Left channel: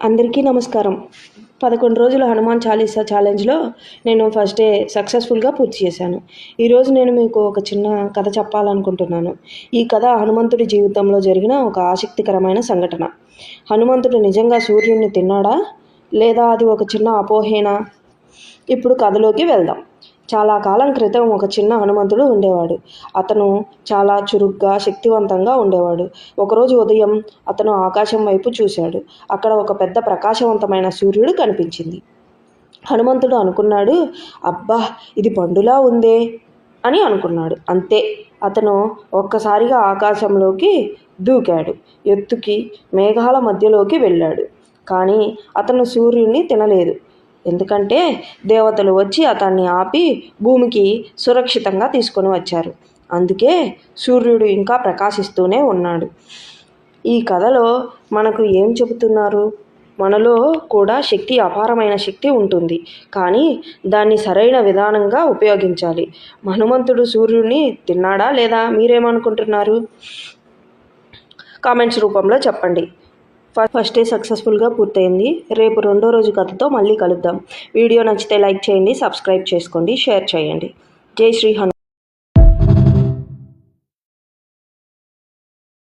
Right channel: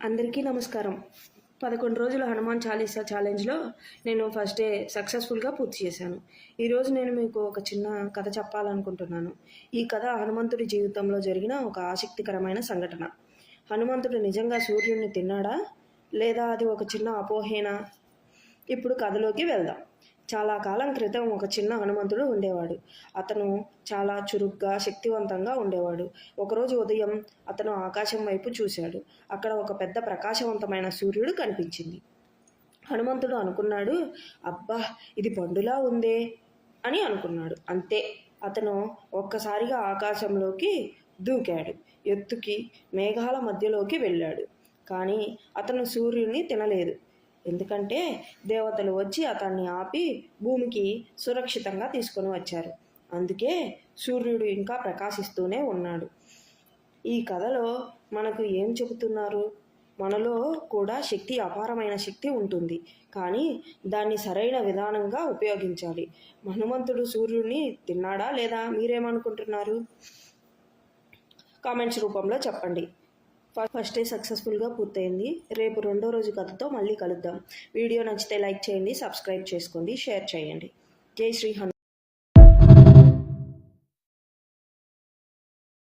అందరికీ నమస్కారం. 11 రోజుల హనుమాన్ చాలీసా ఛాలెంజ్‌లో నేను ఫస్ట్ డే సక్సెస్‌ఫుల్‌గా పూర్తి చేశాను. ఈరోజు నేను మీకు ఒక చిన్న కథ చెప్పాలనుకుంటున్నాను. ఈ కథ హనుమంతుడి జీవితంలో జరిగిన ఒక ఆసక్తికరమైన సంఘటన. హనుమంతుడు నిజంగా సూర్యుడిని తిన్నాడా? లేదా అది ఒక చిన్న అపోహేనా? ఇప్పుడు కథలోకి వెళ్దాం. చాలా కాలం క్రితం ఒక చిన్న హనుమంతుడు ఉండేవాడు. అతను చాలా చురుగ్గా, శక్తివంతంగా ఉండేవాడు. ఒకరోజు ఉదయం అతను ఆకాశం వైపు చూశాడు. అక్కడ ఒక పెద్ద ప్రకాశవంతమైన సూర్యుడు కనిపించింది. హనుమంతుడు అనుకున్నాడు, అబ్బా, ఇది పండులా ఉందే అని అనుకున్నాడు. అంతే, అతను ఒక్కసారిగా ఆకాశంలోకి దూకాడు. ఎత్తుకి మేఘాల మధ్యలోకి వెళ్ళాడు. కానీ అతను సూర్యుడిని తినలేదు. ఎందుకంటే దేవతలు వచ్చి అతన్ని ఆపి భూమికి సురక్షితంగా తీసుకొని వచ్చారు. అందుకే సూర్యుడు ఇంకా ప్రకాశిస్తూనే ఉన్నాడు. ఈ కథలో మనకు ఏం చెబుతున్నారు? మనలో కూడా అపారమైన శక్తి ఉంటుంది, కానీ దాన్ని సరైన విధానంగా ఉపయోగించాలి. హనుమంతుడు సూర్యుడిని తిన్నాడా లేదా? మీరేమనుకుంటున్నారు? కామెంట్స్ రూపంలో చెప్పండి. ఫస్ట్ డే సక్సెస్ఫుల్గా పూర్తయింది. రేపు రెండో రోజు కథతో మళ్ళీ కలుద్దాం. వీడియో నచ్చితే లైక్ చేయండి, సబ్స్క్రైబ్ చేసుకోండి, షేర్ చేయండి. జై శ్రీ హనుమాన్.